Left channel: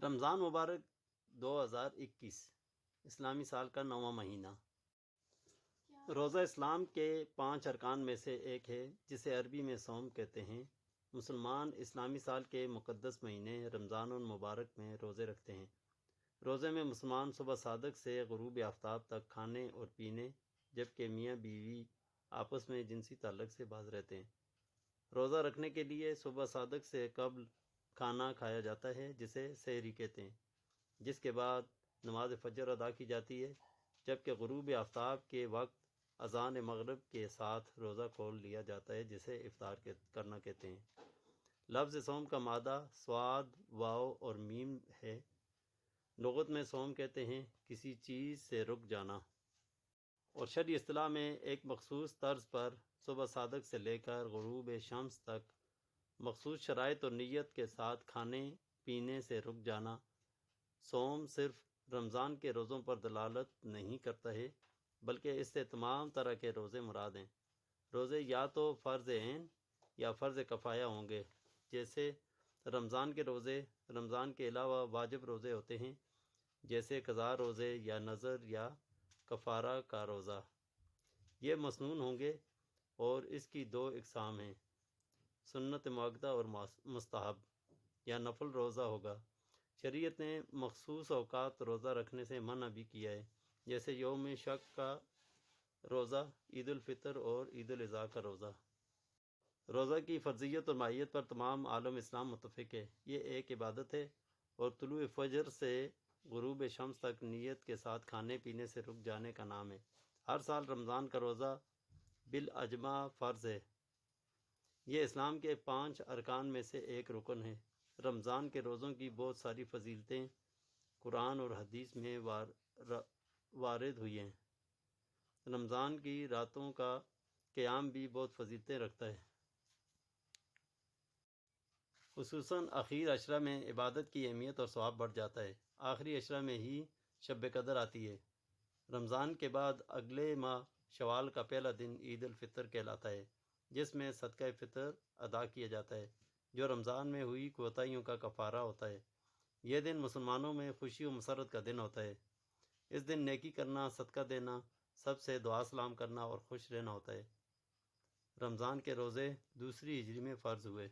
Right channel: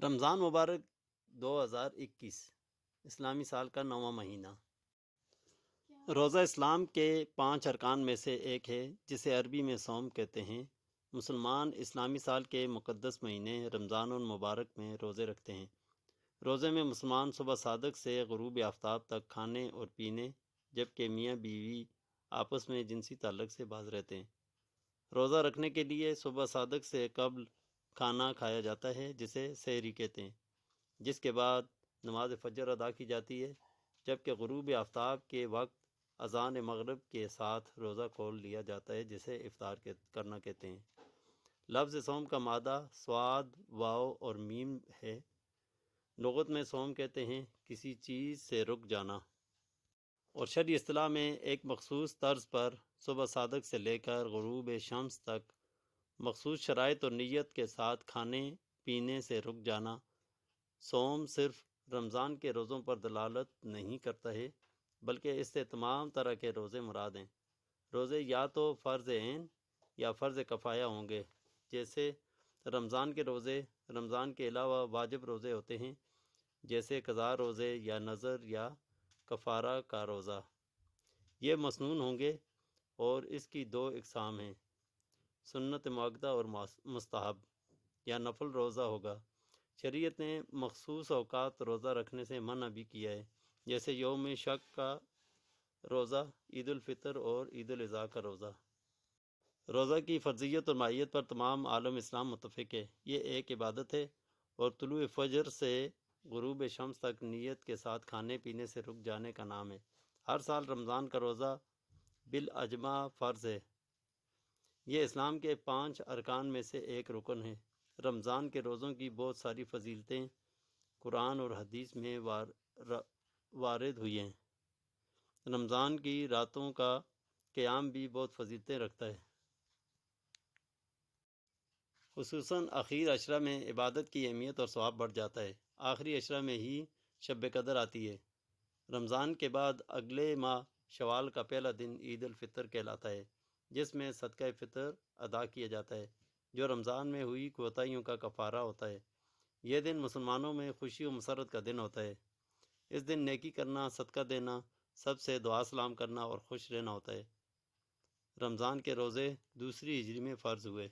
رمضان مبارک 2021 اسلامی سال کا 9واں مہینہ۔ روزہ اسلام کے 5 ارکان میں سے ایک ہے جسے عربی میں صوم کہتے ہیں۔ مسلمان اسلامی سال کے مقدس مہینے رمضان المبارک میں روزے رکھتے ہیں۔ روزے میں مسلمان صبح صادق سے غروب آفتاب تک کھانے اور پینے، جبکہ میاں بیوی آپس میں جنسی تعلق سے باز رہتے ہیں۔ روزہ رکھنے کے لیے صبح صادق سے قبل کھانا کھایا جاتا ہے جسے سحری کہتے ہیں، جس کے بعد نماز فجر ادا کی جاتی ہے، جبکہ غروب آفتاب کے وقت اذان مغرب کے ساتھ روزہ کھول لیا جاتا ہے جسے افطار کرنا کہتے ہیں۔ لفظ صوم کا مادہ صاد، واو اور میم ہے۔ لغت میں صوم کہتے ہیں کسی چیز سے رک جانا، اور شرعی اصطلاح میں ایک مخصوص طرز پر صبح صادق سے لے کر غروب شمس تک مخصوص شرائط اور نیت کے ساتھ کھانے پینے سے رک جانا۔ صوم صرف رمضان کے روزوں پر دلالت نہیں کرتا ہے، بلکہ اس سے تمام طرح کے روزے مراد ہیں۔ روزے یا تو فرض عین یا فرض کفایہ ہوں گے، جیسے رمضان کے روزے رمضان کے علاوہ واجب روزے ہوتے ہیں، جیسے قضاء روزے یا نذر یا کفارہ کا روزہ۔ یہ مسنون ہوں گے اور اس کی 2 اقسام ہیں، سنت مؤکدہ اور مستحب یا نفل روزہ ہوگا۔ شریعت نے مخصوص اوقات روزہ رکھنے سے منع بھی کیا ہے، جیسے یوم شک کا روزہ، عید الفطر اور عید الاضحیٰ کا روزہ۔ روزہ کی فرضیت اور ماہیت پر تمام عالم اسلام متفق ہے۔ یہ ایک عبادت ہے اور طلوع فجر سے غروب شمس تک نیت کے ساتھ کھانے پینے سے رک جانے کا نام ہے۔ ہر سال رمضان کا روزہ بالاجماع فرض ہے۔ یہ اسلام کے 5 ارکان میں سے ایک رکن ہے۔ رمضان کے روزوں کی بہت ساری فضیلتیں قرآن اور حدیث میں وارد ہوئی ہیں۔ رمضان کی راتوں کا قیام بھی بہت فضیلتیں رکھتا ہے۔ خصوصاً آخری عشرہ میں عبادت کی اہمیت اور ثواب بڑھ جاتا ہے۔ آخری عشرہ میں ہی شب قدر آتی ہے۔ رمضان کے بعد اگلے ماہ شوال کا پہلا دن عید الفطر کہلاتا ہے، جس میں صدقہ فطر ادا کیا جاتا ہے، جو رمضان میں ہوئی کوتاہیوں کا کفارہ ہوتا ہے۔ یہ دن مسلمانوں میں خوشی و مسرت کا دن ہوتا ہے۔ اس دن نیکی کرنا، صدقہ دینا، سب سے دعا سلام کرنا اور خوش رہنا ہوتا ہے۔ رمضان کے روزے 2 ہجری میں فرض ہوئے۔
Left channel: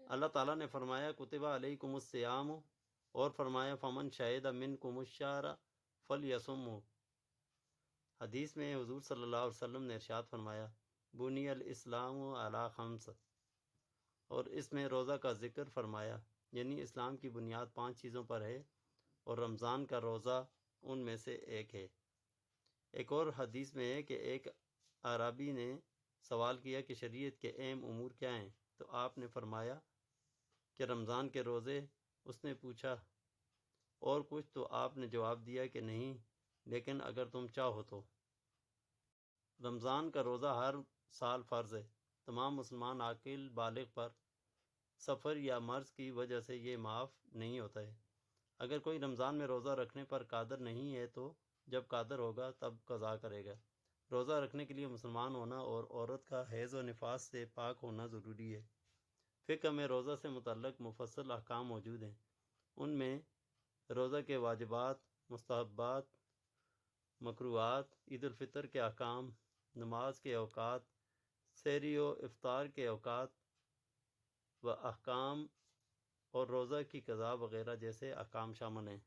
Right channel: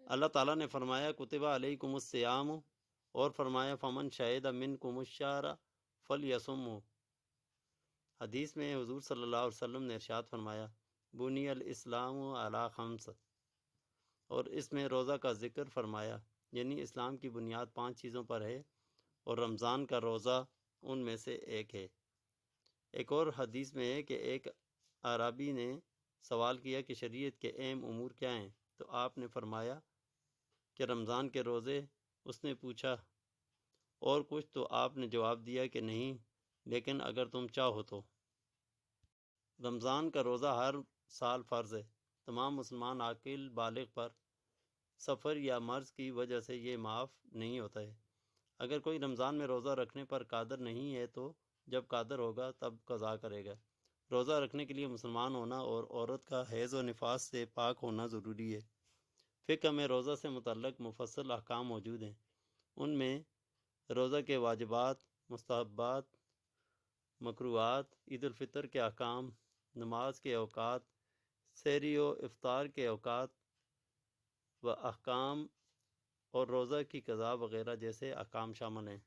اللہ تعالیٰ نے فرمایا کتب علیکم الصیام، اور فرمایا فمن شہد منکم الشہر فلیصمہ۔ حدیث میں حضور صلی اللہ علیہ وسلم نے ارشاد فرمایا بنی الاسلام علی 5، اور اس میں روزہ کا ذکر فرمایا، یعنی اسلام کی بنیاد 5 چیزوں پر ہے اور رمضان کا روزہ ان میں سے ایک ہے۔ ایک اور حدیث میں ہے کہ ایک اعرابی نے سوال کیا کہ شریعت کے اہم امور کیا ہیں، تو آپ نے فرمایا کہ رمضان کے روزے۔ اس نے پوچھا اور کچھ، تو آپ نے جواب دیا کہ نہیں، لیکن اگر تم چاہو تو۔ رمضان کا روزہ ہر سال فرض ہے۔ تمام مسلمان عاقل بالغ پر سفر یا مرض کی وجہ سے یہ معاف نہیں ہوتا ہے۔ اگر کوئی رمضان میں روزہ رکھنے پر قادر نہیں ہے تو جب قادر ہوگا تب قضا کرے گا۔ روزہ رکھنے کے لیے مسلمان ہونا اور عورت کا حیض و نفاس سے پاک ہونا ضروری ہے۔ فقہ میں روزہ سے متعلق مفصل احکام موجود ہیں۔ ان میں روزہ کے واجبات، مستحبات، مکروہات، عید الفطر کے احکام، نماز کے اوقات، سحری و افطار کے اوقات و احکام اور روزہ کی قضا وغیرہ جیسے احکام شامل ہیں۔